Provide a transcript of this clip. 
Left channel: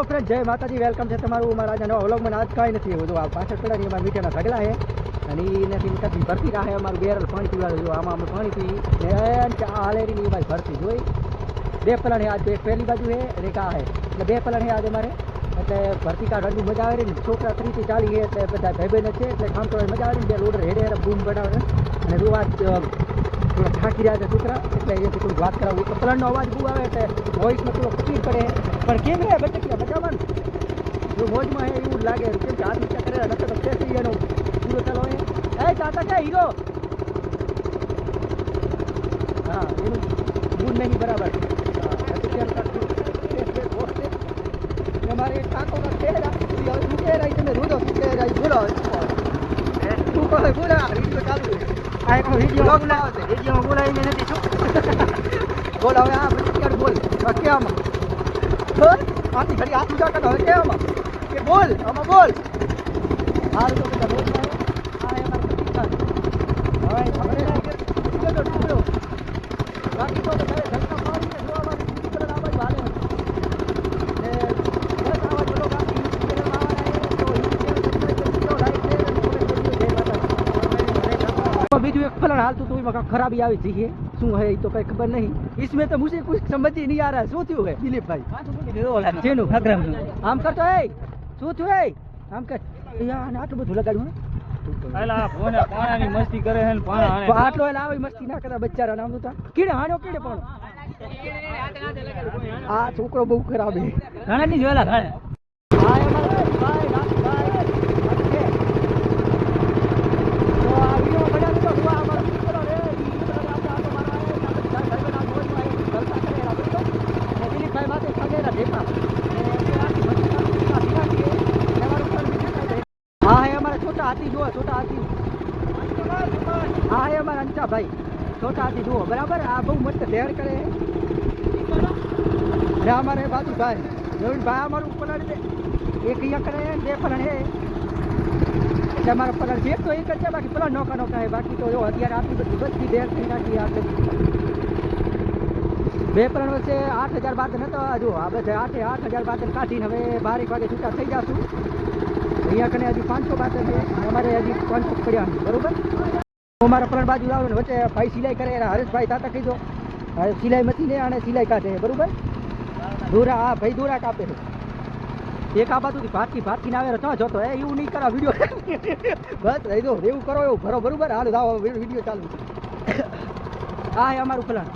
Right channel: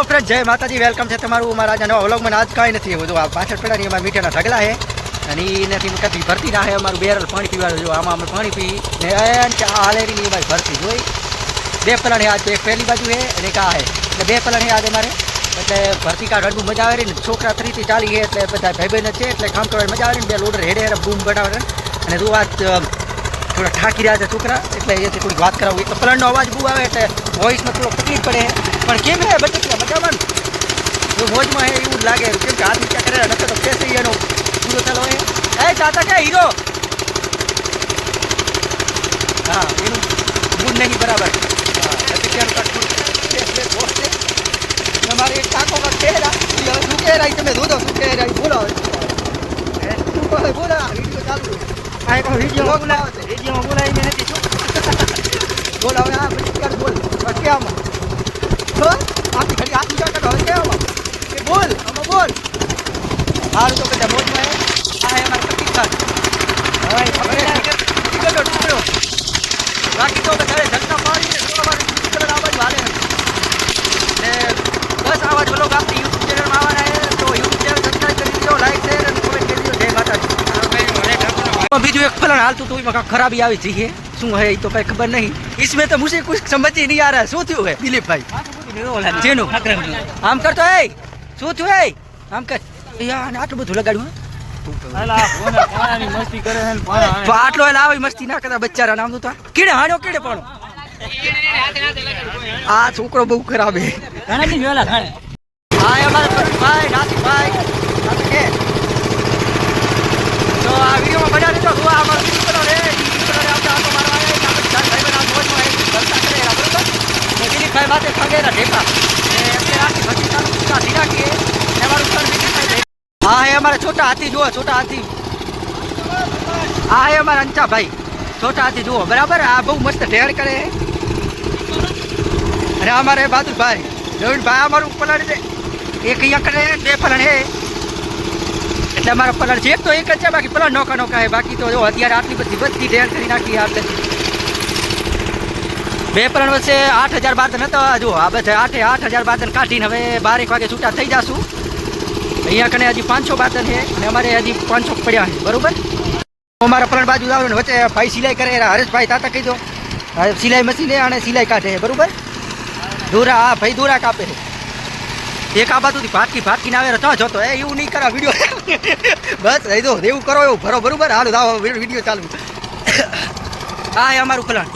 Hello friend જય માતાજી welcome છે તમારું મારા આજે નવા વ્લોગમાં આજ કાંઈ નથી બધું આ પાછળ પડ્યા અમારા મીઠાના ઢગલા છે. અને એનાથી કદી ભરતી ના અમારું બેરલ પાણી પીવાનું જો આમાં અમે પાણી પી ને આલેરી કે આ હાલેરીની અમારી ભરતી જોઈ. બે પલાણ આજ એક પહેલી બાજુ છે અને આ છે. એટલે બે પલાણ આજ અમારે. એટલે ભરતી કાઢ રડવું મજા આવે ને. છોકરા ત્રીથી ચાલી છે એટલે બધા ભાઈ બહેન છે. એટલે કામ કરવાની મજા આવે ને. બે લોડર હેડે હેડે બૂમ બનાવે અને જો અ, થોડા ઠાકી રહ્યા છે છોકરા. એટલે અહીંયાથી થોડીક વાત કરાવું. એક પલણનો અવાજ બહુ આવે એટલે વોઇસમાં થોડો તકલીફ પડે. પણ કેમ હે બચત મજામાં ને? જો મોજમાં હે એવું લાગે. કેમ કે હાથ નીચા કરે નકર તો કેસે એનો પૂરો હે. એ ચાચા કે હીરો હા એનું મૂડ નહીં બરાબર. હા. તમારે એક ટાકો કે કહેલા, ઈ હવે શું કહેલા, ઈ તમે જોજો શું કહેલા, ઈ બોલો હોય. હે? બોલે, આ વીડિયો ચાલુ છે. આ એક વીડિયો બોલાવે છે. રેડિયોમાં બોલાવીને નથી શું? બોલ હવે આ પછી બોલ. કે આમાં? આપી ઘડી હાથ ઊંચા કરો હવે કે આમાં? કે બોલ, આમાં બોલ. સારું તો બધા મોજમાં હે. આ હે અમારા કપિલ ખાન. હવે હવે ટુકડો ટુકડો. બાકી તો બધા જલસા પાડી ને જો અમારું YouTube channel આ બાજુ હાલે છે. ને બસ આવા જ vlog આપણી YouTube channel માં આવવાના છે. તો YouTube channel subscribe કરી દીધો, like, share અને comment કરી દીધો. જય માતાજી. એમાં બીજું એક ફલણ હાલતું હતું એમાં કાંઈક ખરાબી આવી જઈએ શું હે એ તો કઈ ખબર નહીં इसमें तो मुझे कुछ समझ ही नहीं आ रहा है શું થયું હે દિલીપભાઈ જેનું આમ કરતો એ શું થયું એ આમ કર યાર આને આટલું બધું લગાડ્યું હે? અલા ફોને પાણાની મસ્તી કરે છે ને પાણા તો આટલો એટલે આવી મસ્તી ના કરતા બચ્ચારા નામ તો કીડે હાણ્યો કીડે પણ આ છોકરો બહુ ખરાબ હે ઘણા દી વેલા ઘણે હા એ અમારા પ્રવીણભાઈ નાસિકભાઈ નાસિક નહીં. હા, એ અમારા છોટા હાથી જુઓ, છોટા હાથી. હા એ અમારા અંચાભાઈ છોટા હાથી જુઓ, બરાબર? આ બહુ મસ્ત ઢેર કરે. અને અમારે બાદુભાઈ રવિનભાઈ અમારું પલણ છે. એક અહીંયા બે પલણ હે એટલે અમારો પલણ છે તો એક જ છે, બાકી પલણ નોકા નોકા હે બાકી તો અત્યારે આટલી બધી બધી ઢેર કરી નાખી આપણે. બે પલણ વચ્ચે આઠ હજાર બાદન હતા જો આ બધા આઠે આઠ હજાર બાદન કાઢીને હવે બારેક વાગે છૂટા થઈ જશું. અહીંયા કને હજી પાંચસો બાદન છે અને અમારે હજી પાંચસો પડ્યા છે, બરોબર? અમારા પ્રણ બાજુ આવે ને વચ્ચે ભાઈ સિલાઈ કરે હરેશભાઈ તાતા કહી દો સિલાઈ મશીને અને સિલાઈ કાઢે બરાબર? દોરા હા ભાઈ દોરા કાપે છે. એક આ બાજુથી ભાટકી ભાટકીને આવે, તો જોતો એ એવું નહીં કરા વીડિયો બસ રહી દો એવું કરો, એવું ભરો, બરોબર? હાલો દાવો વીડિયો ચાલુ. હા એ અમારું પ્લાન